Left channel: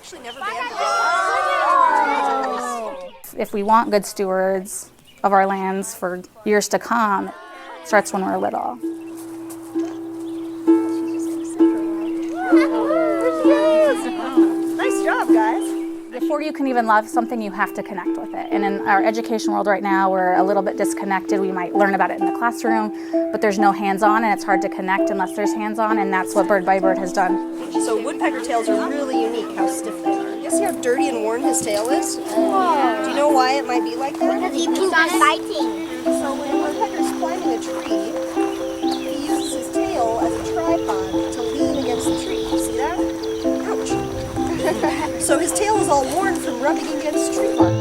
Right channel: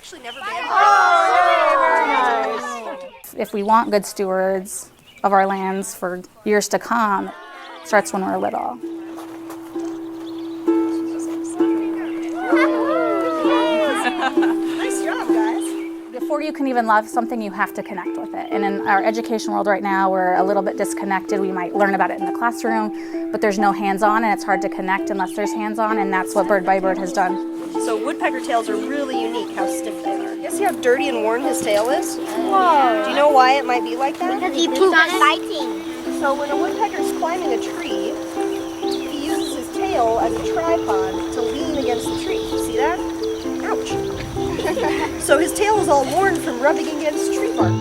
actually never banned If we want good stewards of our lands for years to come, it starts when we're little. Nice job, guys. Before you can even love something, you have to connect with it. And in our education world right now, we're a little bit disconnected. We might learn about it in the classroom, but there's no hands-on, and it's hard to connect unless there's hands-on, and that's what Bird by Bird has done. So woodpecker tails are really unique, how stiff they are. You see how dirty and worn his tail is? Whoa. Do you know why it might be like that? Because he pooped on fighting. So when a woodpecker's climbing a tree, he uses his tail as a tripod to lean against the tree. See that? Ouch. So his tail is all worn from rubbing against tree bark.